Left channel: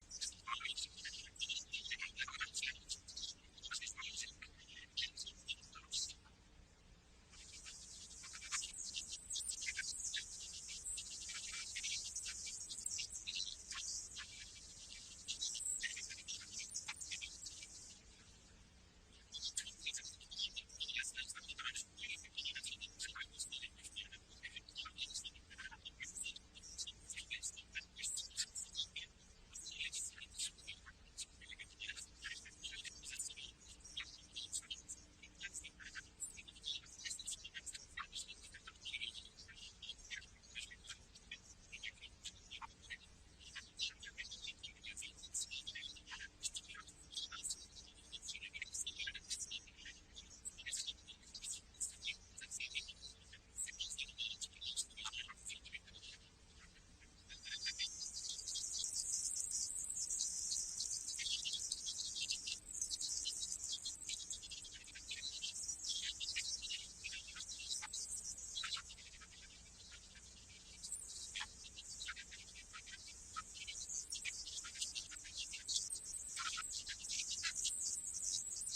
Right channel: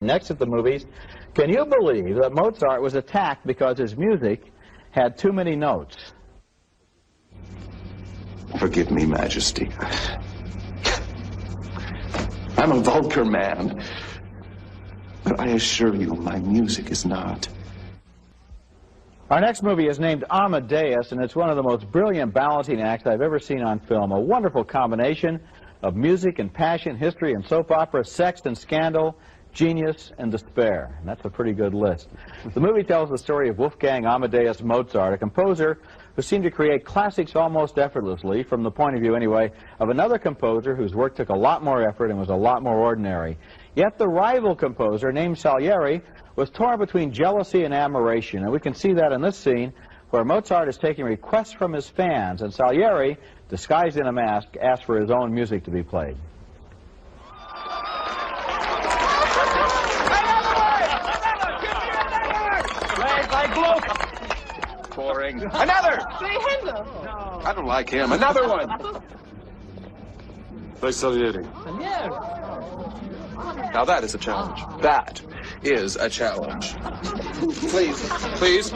Next at the movies, can you believe that Mozart was attacked because his music had too many notes? Forgive me, Majesty. I'm a vulgar man. But I assure you, my music is not. Our next movie is named Amadeus, and it's one of the most brilliant balancing acts I've ever seen on film. A wonderful combination of music and passion, history and soap opera, sex and scandal, genius and despair. And that's a pretty good list. The movie tells the story of Wolfgang Amadeus Mozart, a composer who seemed to create classics almost effortlessly, from the point of view, anyway, of another composer whose work took a lot more effort and was a lot more ordinary. Yet the rival composer, named Salieri, was torn between jealousy and admiration, and we can see that in this scene where Mozart is taking requests from his fans, and Salieri, disguised in a mask, asks for his own music to be played. Boring. Another! I don't like him. Another one! Play Salieri. Now that is a challenge. That is a challenge. Please. Please.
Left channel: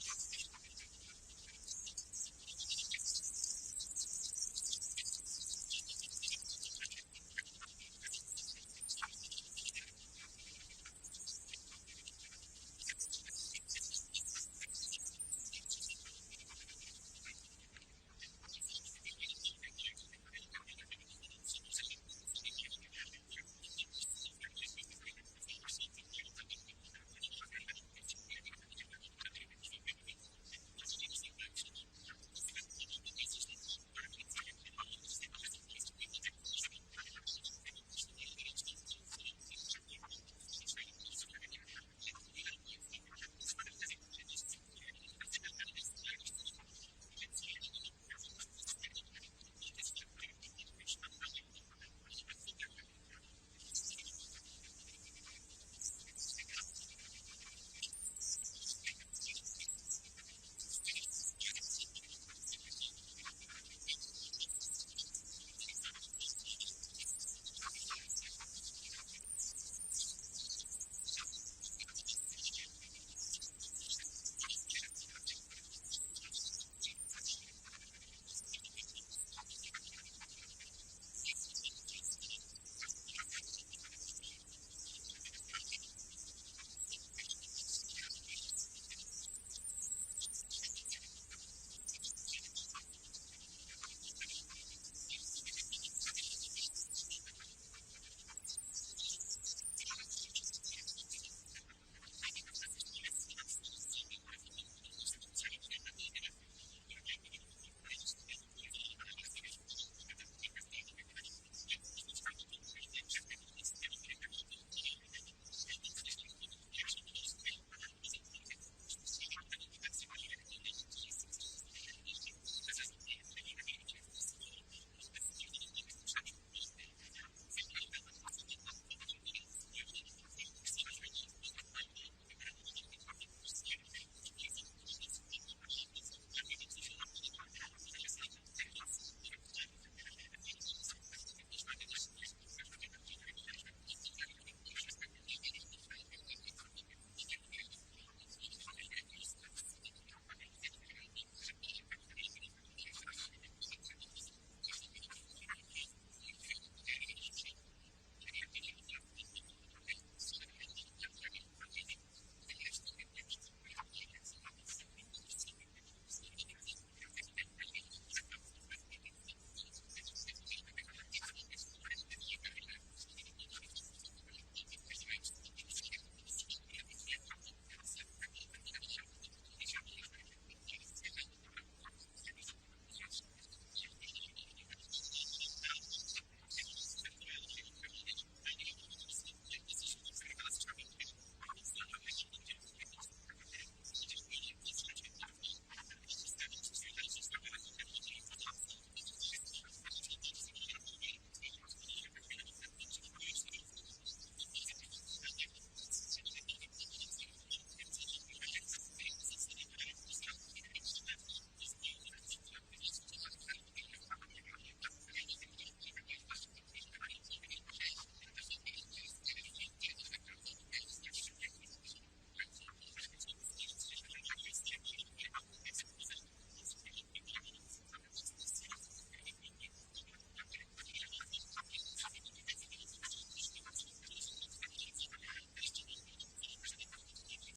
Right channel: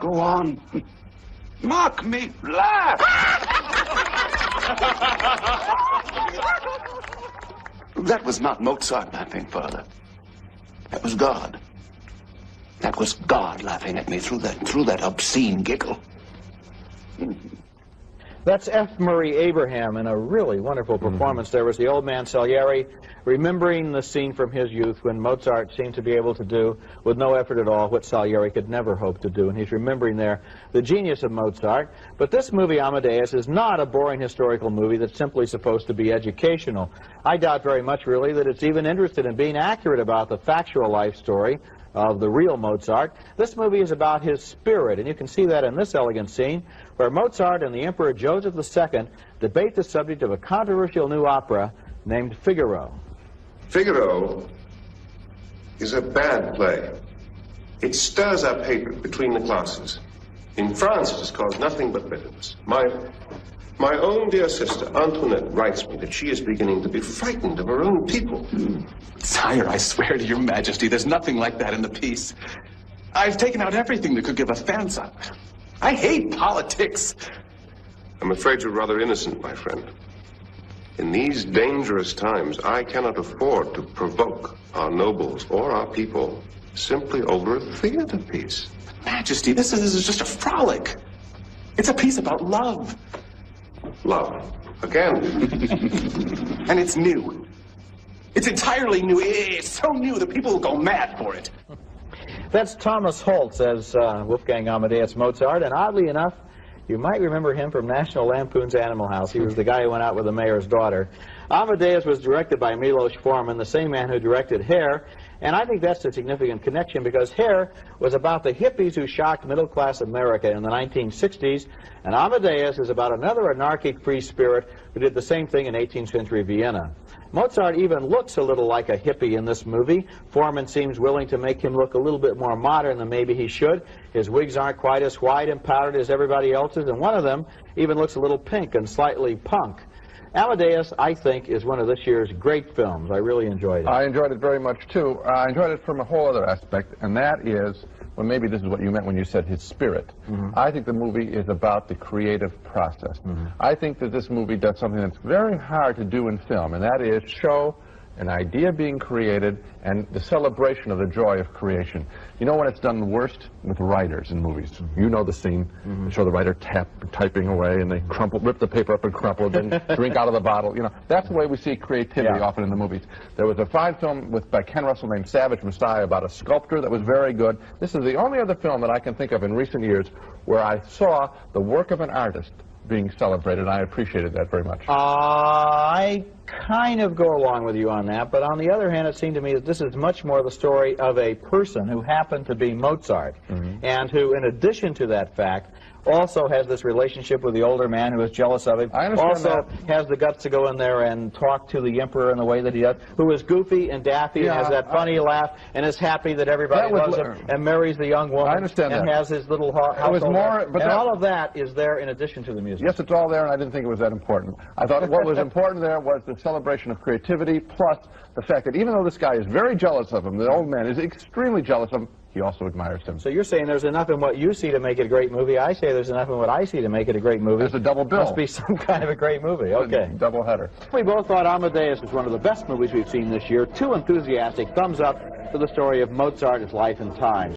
Go on. Mock me. Laugh. That was not Mozart laughing, Father. That was God. That was God laughing at me through that obscene giggle. That's F. Murray Abraham in a really wonderful performance. There was the old man Salieri remembering the scene from his youth when Mozart seemed to be able to do, with no effort at all, what Salieri could never hope to do. And he's remembering there the genius of Mozart. But this movie, Amadeus, is not a boring historical movie that's simply supposed to be educational. I doubt very much, really, that it's even interested in being accurate about the factual life story of the real Mozart. This movie is about his spirit, and you can see that in this elegant scene where Mozart and the Emperor Joseph II debate the subject of a controversial new opera named Figaro. Figaro is a bad play. It stirs up hatred between the classes. In France, it has caused nothing but bitterness. My own dear sister, Antoinette, writes me that she is beginning to be frightened of her own people. Sire, I swear to your majesty, there's nothing like that in the piece. I've taken out everything that could give offense. I hate politics. I'm afraid you're rather innocent, my friend. In these dangerous times, I cannot afford to provoke our nobles or our people simply over a theater piece. But Majesty, this is just a frolic. It's a piece about love. Love. Again. And it's new. It's entirely new. It's so new that people will go mad for it. That's Thomas Holtz as Wolfgang Amadeus Mozart, and oddly enough, you might remember him from National Lampoon's Animal House. He was the guy who went out with the mayor's daughter. Amadeus was directed by Milos Forman, the same man who directed Hair, and I think that's a significant connection because Hair was about the hippies who shocked middle-class America in the 1960s, and Amadeus is about another anarchic free spirit who did the same thing in 18th century Vienna. Mozart even looks a little like a hippie in this movie. Forman seems willing to make him look a little bit more modern than maybe he should. His wigs aren't quite as white and powdered as everybody else's, and one of them even looks a little pink and slightly punk. Amadeus, I think, is one of this year's great films. I really enjoyed it. I enjoyed it very much, too. I enjoyed it from a whole other aspect, and that is, well, maybe this is what you meant when you said his spirit. I think the movie is about the creative process. I think that this movie does something that's very hard to do in film, and that is show an idea being created and the celebration of the joy of creation. You know when it's done worst? With writers in movies. You know the scene. They show the writer typing away, and they rip the paper up and crumple it, then drink out of the bottle. You know, that's the way we see creativity often in the movies. There was a fine film by Ken Russell named Savage Messiah about a sculptor that was very good. This is the only other film that I can think of in recent years where I saw the work of an artist being celebrated, and I appreciated that very much. I kind of go along with you on that, but on the other hand, it seemed to me that this is much more the story of a person who happened to be Mozart, and who, in addition to that fact, also has this relationship with the older man who is jealous of him. I understand also has the guts to go in there and talk to the emperor in the way that he does, who is goofy and daffy and has that funny laugh and is happy that everybody loves him and marries the young woman. I understand and that. has his little household. But all of that is there in addition to the music. Yes, it's all there, and I didn't think it was that important. I thought what was important there was the celebration of creativity, plus the fact that even though this guy is very jealous of him, the old man is extremely jealous of him, he also admires him. So you're saying there's enough in what you see to make it a great movie. I say there's enough in what I see to make it a great movie. There's a double bill. Must be some kind of a great movie. Okay. Double header. We both thought Amadeus is one of the best movies we've seen this year. Too enthusiastic. Thumbs up for the story of Mozart, his life and times.